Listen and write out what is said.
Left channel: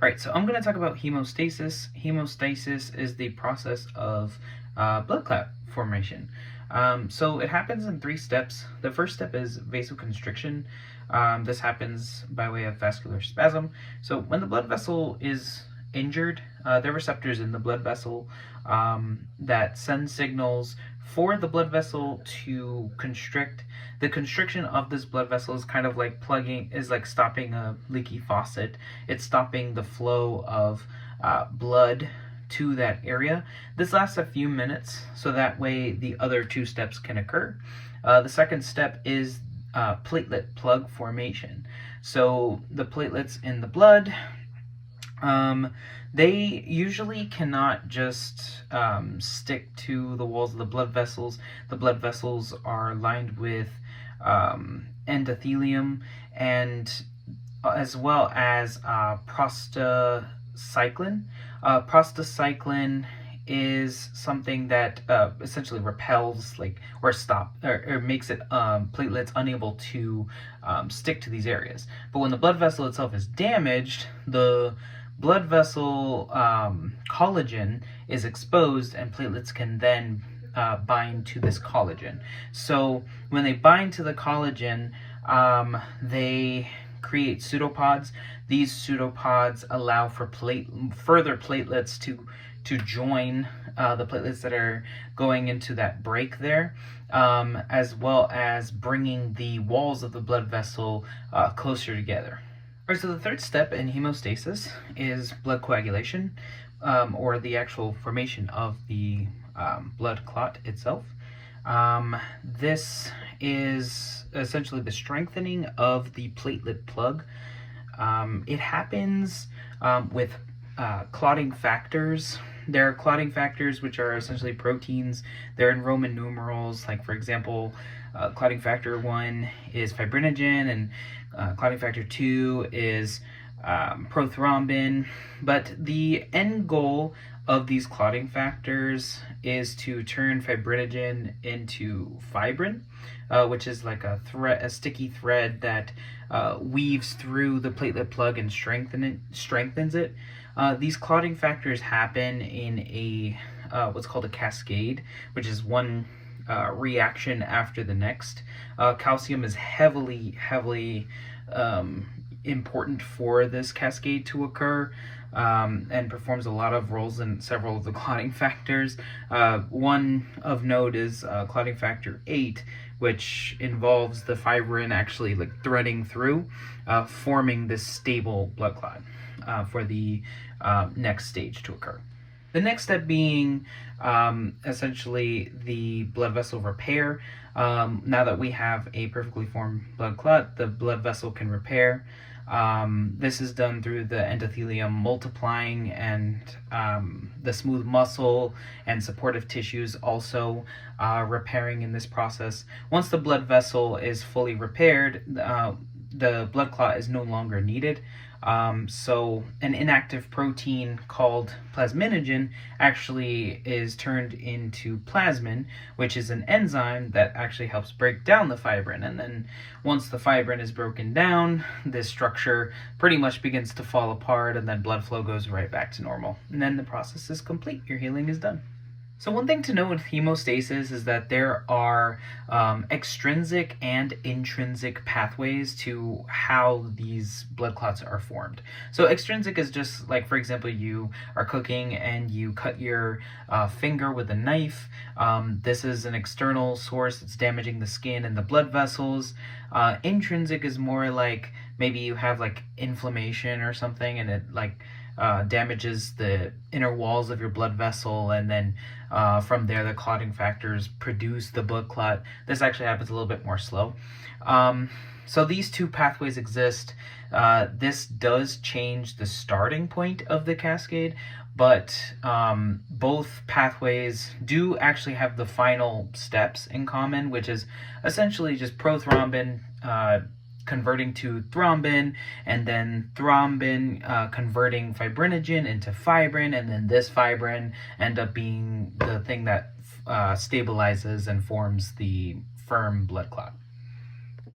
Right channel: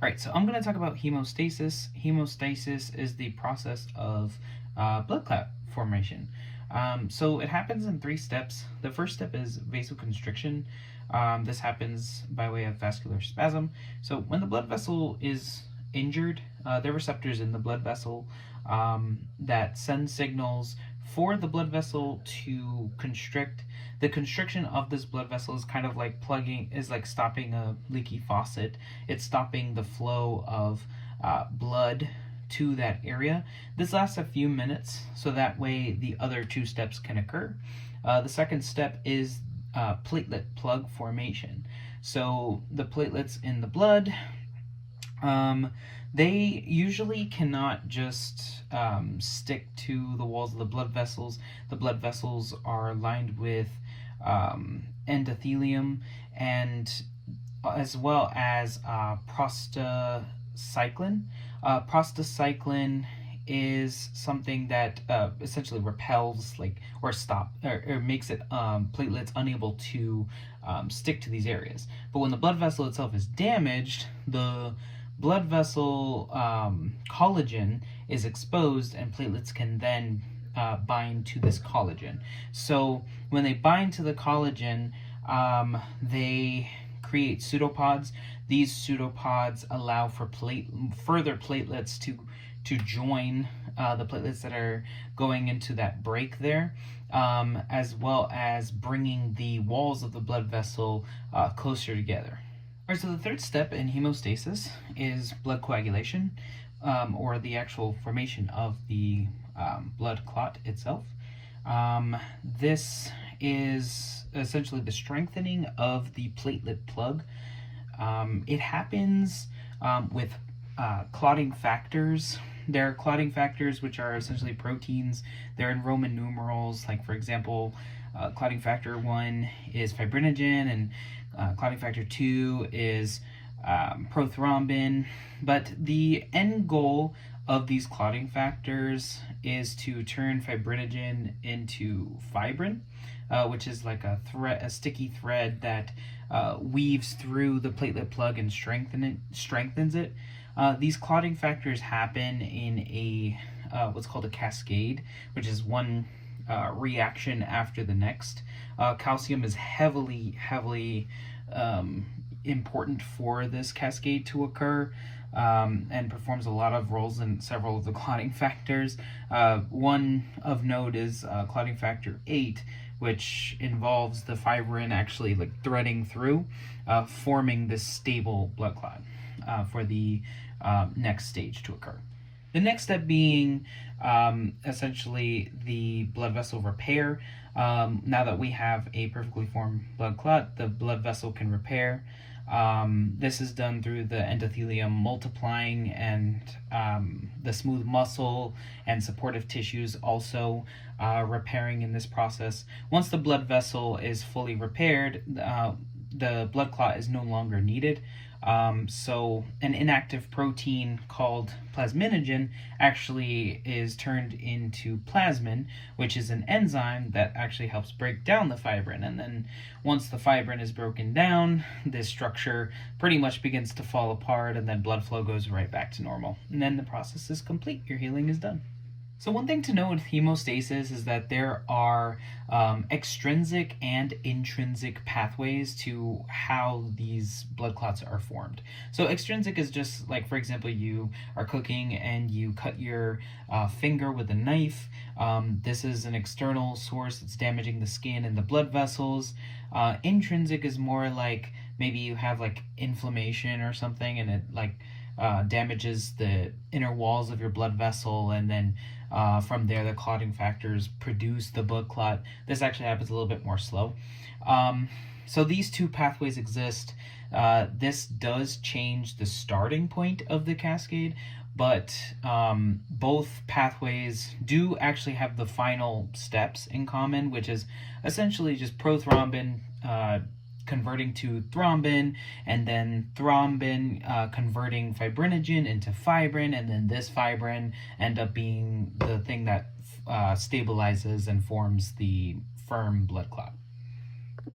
All right, so I'm going to talk about hemostasis. Hemostasis is the process of blood clot formation. So it happens in 3 steps. The first step is vasoconstriction. This happens by way of vascular spasm. So when the blood vessel is injured, there are receptors in the blood vessel that send signals for the blood vessel to constrict. The constriction of this blood vessel is kind of like stopping a leaky faucet. It's stopping the flow of blood to that area. This lasts a few minutes, so that way the other 2 steps can occur. The second step is platelet plug formation. So the platelets in the blood, they usually cannot just stick to the walls of the blood vessels. The blood vessels are lined with endothelium, and as well as prostacyclin. Prostacyclin is something that essentially repels or makes it platelets unable to stick to these areas. But when the blood vessel itself is damaged, the blood vessel collagen is exposed, and platelets can then bind to this collagen. So when they bind to the collagen, they create pseudopods. These pseudopods allow for further platelets to join the platelets that are going into that break there, as well as bringing the walls of the blood vessel closer together. All right, so the third step in hemostasis is blood coagulation, or the actual formation of the blood clot itself. This is essentially the strengthening of the platelet plug. It happens with clotting factors. There are clotting factors which are essentially proteins. They're in Roman numerals. Like, for example, clotting factor 1 is fibrinogen, and clotting factor 2 is prothrombin. But the end goal of these clotting factors is to turn fibrinogen into fibrin, which is like a sticky thread that weaves through the platelet plug and strengthens it. These clotting factors happen in a what's called a cascade, which is one reaction after the next. Calcium is heavily important for this cascade to occur, and performs a lot of roles in several of the clotting factors. One of note is clotting factor 8, which involves the fibrin actually threading through, forming this stable blood clot for the next stage to occur. The next step being essentially the blood vessel repair. Now that we have a perfectly formed blood clot, the blood vessel can repair. This is done through the endothelium multiplying, and the smooth muscle and supportive tissues also repairing in this process. Once the blood vessel is fully repaired, the blood clot is no longer needed. So an inactive protein called plasminogen actually is turned into plasmin, which is an enzyme that actually helps break down the fibrin. And then once the fibrin is broken down, this structure pretty much begins to fall apart, and then blood flow goes right back to normal. And then the process is complete. Your healing is done. So one thing to know with hemostasis is that there are extrinsic and intrinsic pathways to how these blood clots are formed. So extrinsic is just like, for example, you are cooking and you cut your finger with a knife. This is an external source. It's damaging the skin and the blood vessels. Intrinsic is more like maybe you have inflammation or something, and it damages the inner walls of your blood vessel, and then from there the clotting factors produce the blood clot. This actually happens a little bit more slow. So these 2 pathways exist. This does change the starting point of the cascade, but both pathways do actually have the final steps in common, which is essentially just prothrombin converting to thrombin, and then thrombin converting fibrinogen into fibrin, and then this fibrin end up being the thing that stabilizes and forms the firm blood clot.